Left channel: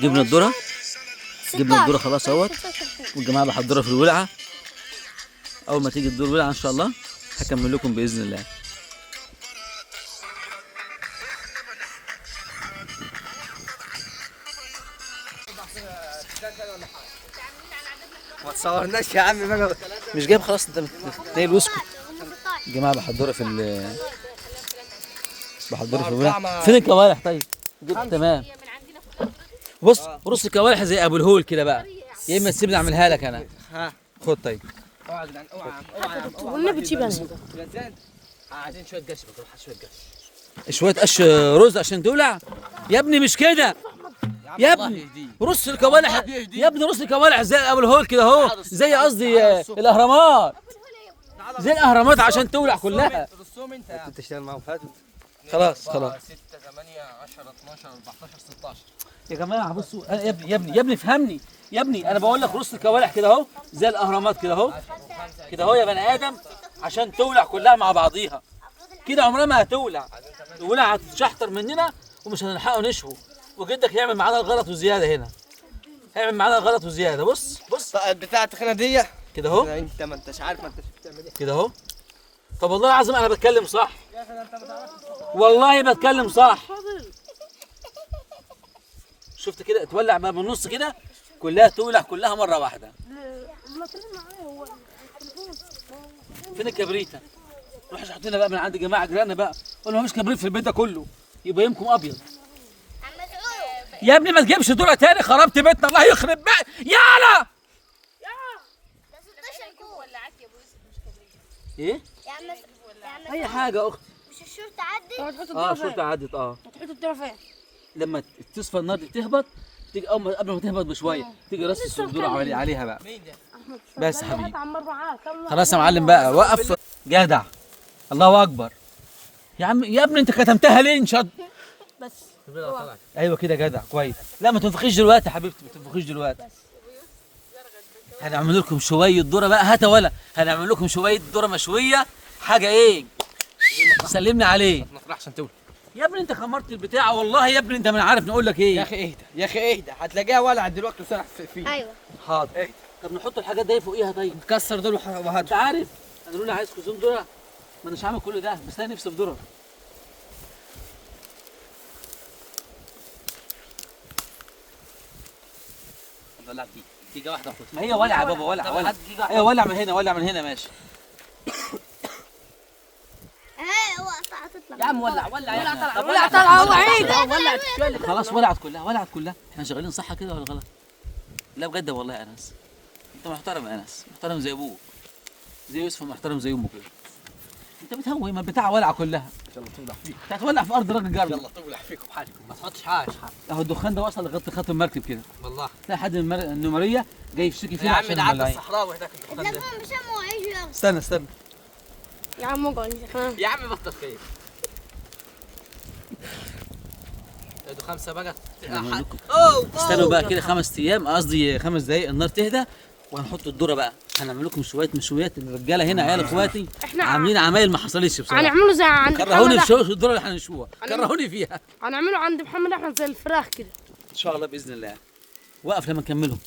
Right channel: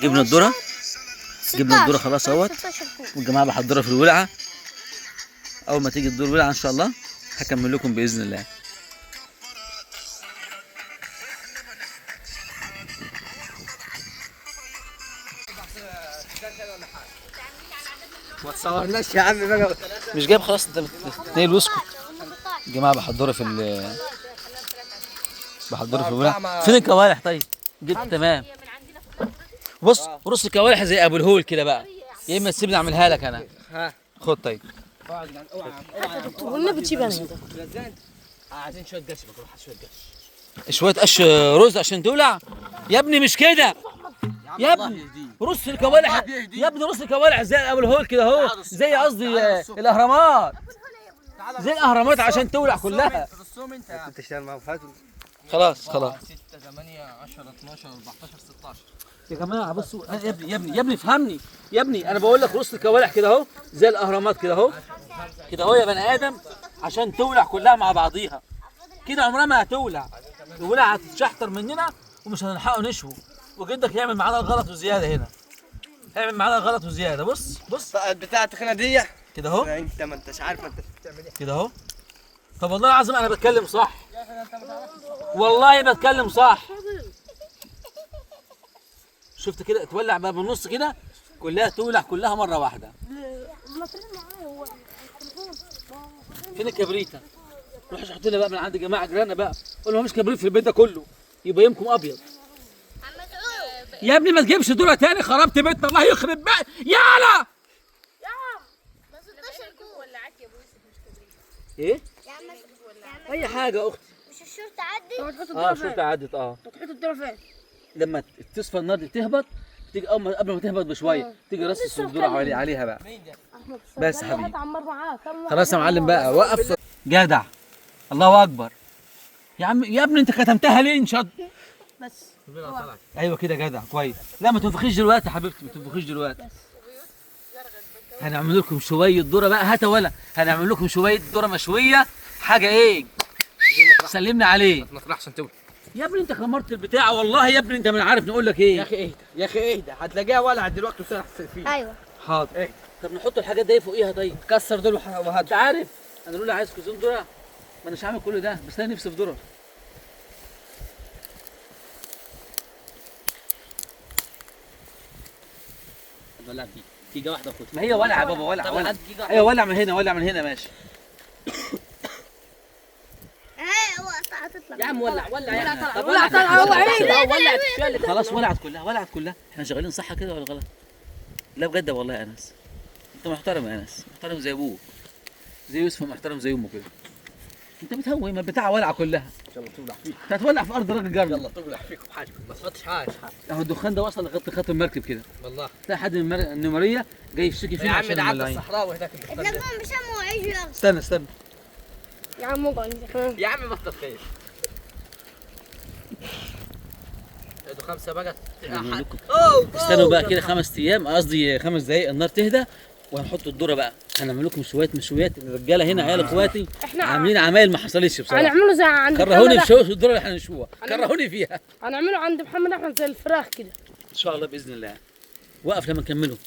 جبنا الذره. جبنا الذره خلاص اهوت، والجماعه بيحضروا في الولعه. اول ما تيجي الدور ولعه ان شاء الله هكمل لكم باذن الله. ما تصورناش يا عم بقى. مش جايب خلاص، انت نايل واسكت. الجماعه بيحضروا في الولعه. فين الكوالح طيب؟ جبت تمام. بص رص الكوالح زي ابو الهول كده بقى، يا اما تسيبني اعملها لك انا. خد طيب. والنبي تجيب انا. عايزين شويه قش، بروح شويه قش. شويه قش رز عشان تولع يا ابني، مش كده يا ابني. رص الكوالح يا ابني، رص الكوالح زي ابو الهول كده اهو، زي قصدي الاهرامات، زي الاهرامات عشان تولع كلها. رصهم انت يا عم. انت تشتغل معاهم فاتوا. خلاص 6 8 10 12 14 16. يا جماعه بصوا يا ابني افهمني يا ابني. انا بقول لك رص الكوالح كده اهو زي الاهرامات كده اهو، كده اهو يا بني ادم، عشان تولع كلها مع بعضيها. كده عمرها ما هتولع، الولع هتتشحطر مننا ومش هنلحقه نشوه، وجدك يعمل معانا الغلط وزياده هنا، هيعمل معانا الغلط وزياده. بص بتاع التخينه دي كده اهو، انت ما انتش عارف ما انتش بتعمل ايه كده اهو. طب والله العظيم انا بتكلم صح، والله بتكلم صح. شفت كده اتولع بقى من النص كده، كلها تولع كلها مره واحده. فين الكبريته؟ روح حط لنا بقى من عند جماعه جيراننا بقى، قول لهم مفيش كبريت في البيت ده كله، يبقى يومكم ابيض. يا ابني ما تجيبش دورة تاني، خربت بيتنا الله يخرب بقى. يالا ايه؟ اي حاجه يا اختي. مش الشرطة عدت؟ الشرطه عدت. تحط الدورة فين؟ لما تصفى النار دي تهبط، تيجي قبل ما تهبط بشويه تيجي رص الدورة عليها بقى. بس يا حبيبي خلاص يا معلم بقى، وقف. جدع، الله اكبر يا عم. يا ابني انت كتمتها ليه؟ انشد بس. ايوه كده جدع كويس. لا ما تنفخيش دلوقتي يا حبيبتي، ما تنفخيش دلوقتي. هنعمل لكم شويه ذره بقى، هات ولا هنعمل لكم شويه ذره مشويه، حاجه ايه؟ سلمني عليه. ما تروحش انت. يا ابني انت خمرت البتاع، والله يا ابني انت من عارف نقول لك ايه. يا اخي اهدى يا اخي اهدى، هتلاقيها ولعت دلوقتي وسرح فيه. ايوه حاضر. ايه؟ طب نحط الحاجات دي فوقيها طيب. كسر دول انت وهات. عارف انا بقول عايز كوزون ذره، ما اناش عامل كل ده، بس انا نفسي في ذره. ولعت جيجا واحده فوق. ما هي ولع يا بابا، ولع. ايوه ولع من هنا، ولع من هنا ماشي. هتطلع يا عم ولع يا عم. طب ولع طلع والله عيب. ولعت شويه. خلاص ولعت كلها. احنا شغالين صح كده ولا غلط؟ لا بجد والله يا انس، انت محترم يا انس، محترم زي ابوك، زي يوسف محترم زي امه كده. انت بتهوي، ما البتاعه ولعه كلها. ان شاء الله تولع فيك. انت هتولع في ارض راجل جارنا. يلا تولع فيكم بحاجكم، ما تحطش حاجه. اهو الدخان ده وصل لغايه خط المركب كده. والله تلاقي حد من النمريه جاي يشتكي يا فينا عم عشان ده عدى الملايين. الصحراوي هناك. استنى يا عم اقعد. يا عم بطل خير. ادوا 5 بقى. استنوا بقى كده 5 ايام، قصدي 5 دقايق، النار تهدى وهنحط الذره بقى. هنعمل لكم شويه مشويات. الرجاله هنا عيال اخواتي عاملين عمايل ما حصلتش بصراحه. هنعمله زي عند كرهوني محمد في شويه الذره اللي احنا هنشوها، كرهوني فيها. هنعمله عند محمد احمد زي الفراخ كده ان شاء الله باذن الله. وقف لما نكمله.